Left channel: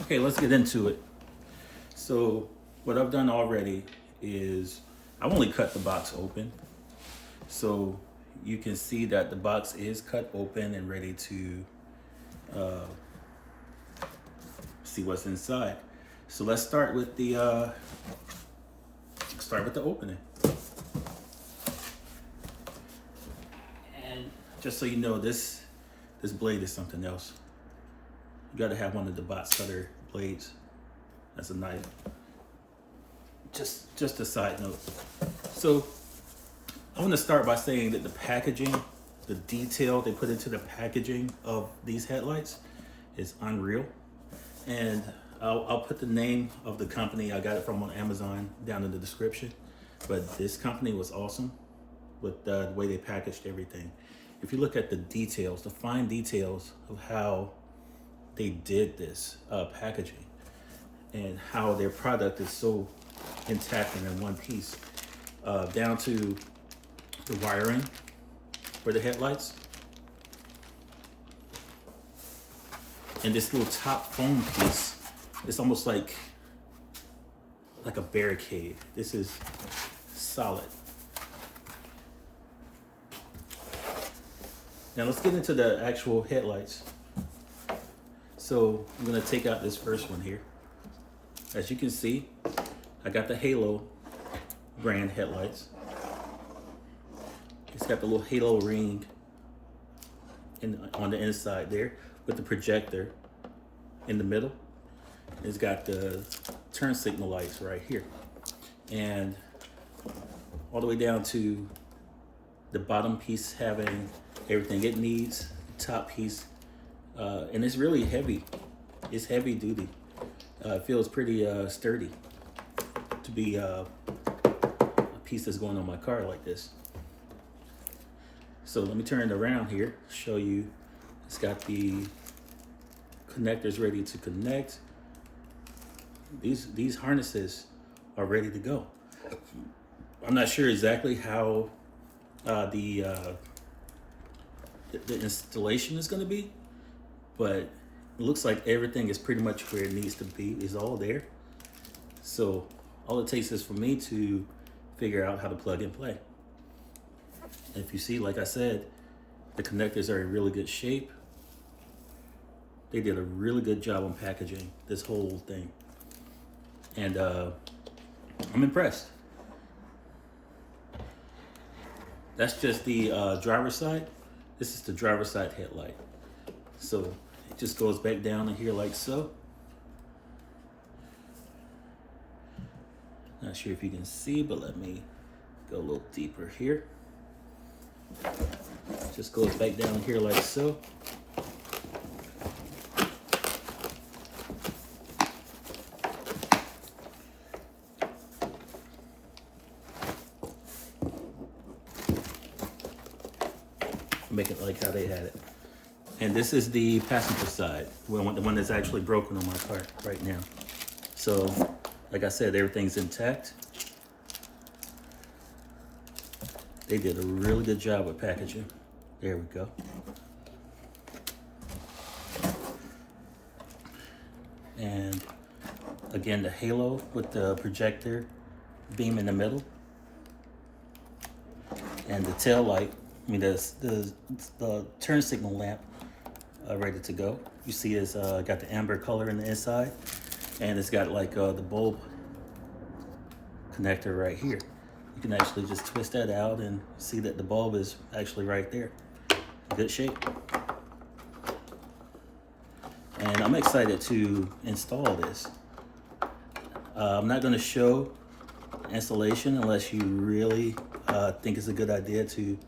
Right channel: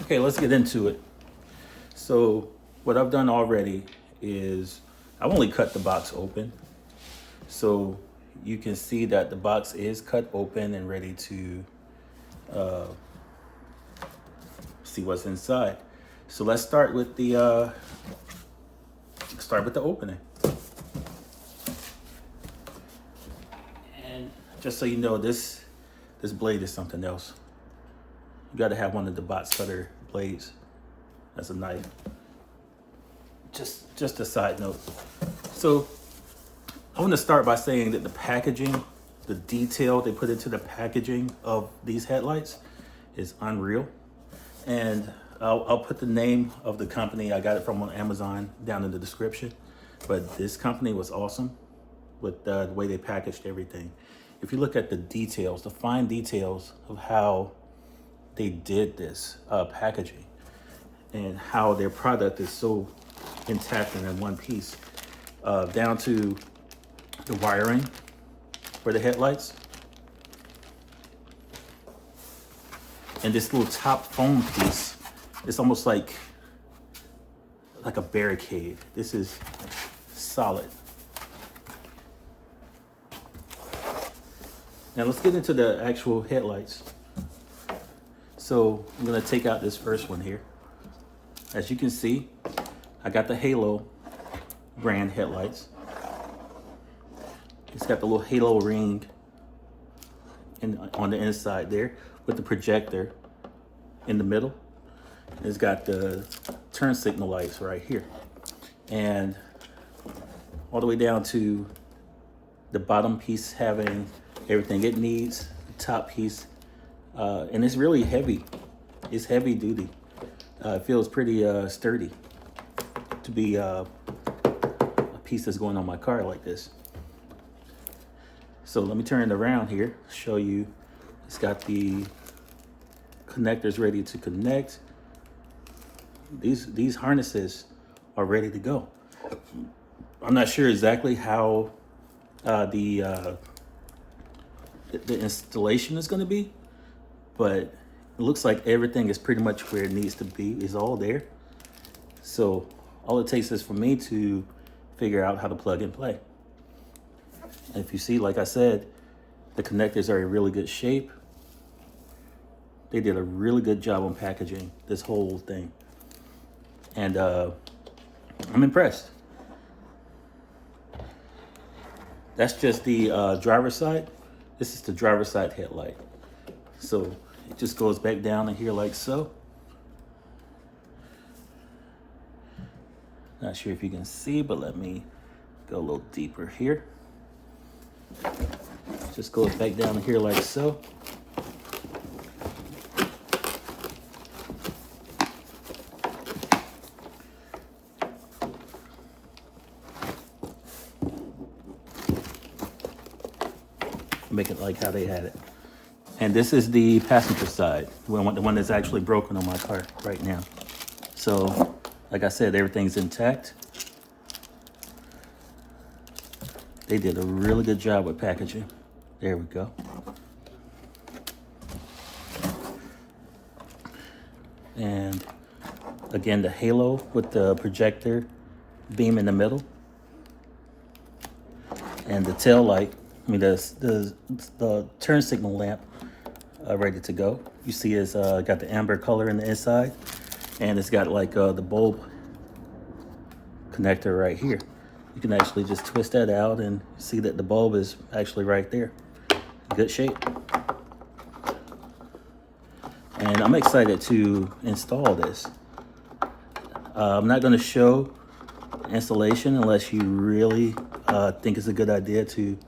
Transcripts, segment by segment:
Okay, let's get into it. So what I've done already is I've only cut the box open. So you can see that the box is cut open and ready to see what's inside. So let's start with the opening. And just so you know, this blade is something else. You got to have one of the box cutter blades. That's a knife. Just a side note. So I want to start by saying that the packaging, the detail they put into the packaging of these headlights is unreal. And I'll put the name of the company. I got it from on Amazon down in the description. But this company was awesome with the way they packaged everything. If you look at the details, the fine details of how they did this packaging and how their product is so intact and in one piece, down to the wiring for the headlights. And this little top foam piece, it's almost like a barricade. This is solid. Now let's get into the actual headlights. So I'm gonna take out this first one here. As you can see, I got the Halo brand headlights. It's got the little halo ring on the inside there with the projector in the middle. It's got the turn signal lights right here. And all the way down to the bottom piece having everything it needs, the top piece. And it's really heavy. It's heavy duty. It feels pretty sturdy to be a piece that's going on my car like this. So let me turn it around here, show you. It's got the connectors ready to connect. These harnesses are ready to go. I'm not sure exactly how the installation is going to be, but it looks like everything is pretty much where it needs to be. It's all there. So all it takes is for me to figure out how to plug and play. And if you see, like I said, the connectors are in really good shape. They did a really good job on packaging this whole thing. And I'm impressed. That's just the driver's side. This is the driver's side headlight. So it just goes back down in here like so. Not sure if you can see, but let me go a little deeper here. Just goes back down in here like so. Make it like how they had it. And this is the passenger side, the one that's actually broken on my car right now. So, like I said, everything's intact. They did a really good job with packaging. There we go. And again, the halo with the projector beam in the middle. And the tail light, the turn signal lamp ready to go. You see it's got the amber color in the inside, and it's got like the bulb connector right here. You can actually just twist that out and see that the bulb is actually right there. Good shape. And I'm excited to install this. I'm not going to show installation unless you really think it's a good idea to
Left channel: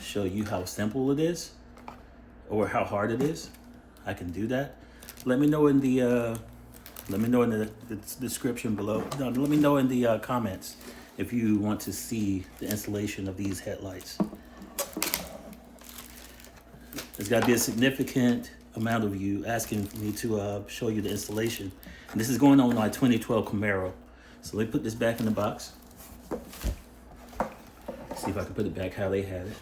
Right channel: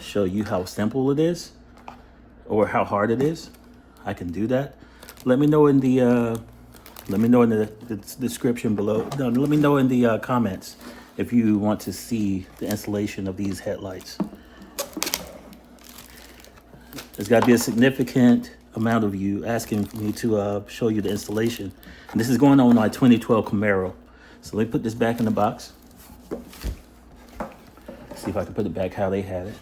show you how simple it is or how hard it is. I can do that. Let me know in the description below. No, let me know in the comments if you want to see the installation of these headlights. There's got to be a significant amount of you asking me to show you the installation. And this is going on my 2012 Camaro. So let me put this back in the box. See if I can put it back how they had it.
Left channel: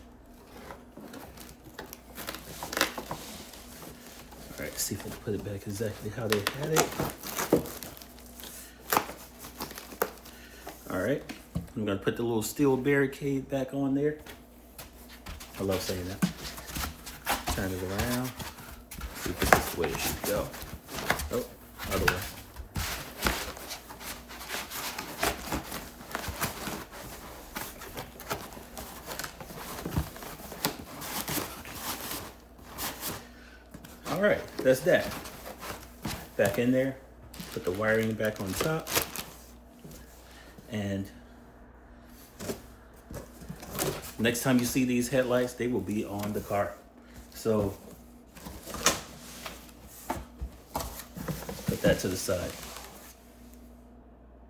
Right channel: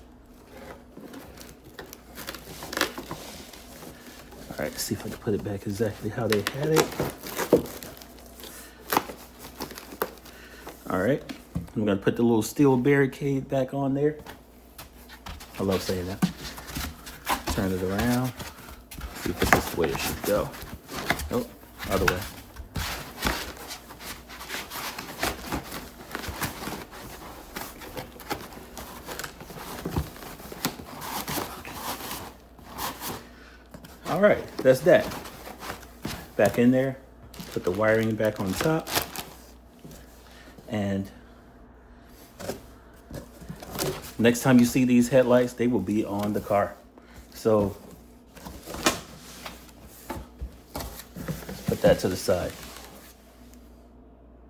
right, let's see if I can put it back exactly how they had it. All right, I'm gonna put the little steel barricade back on there. I love saying that. Turn it around. See if this is the way it should go. Oh, other way. All right, that's that. Back in there, put the wiring back on top. And next time you see these headlights, they will be on the car. So put that to the side.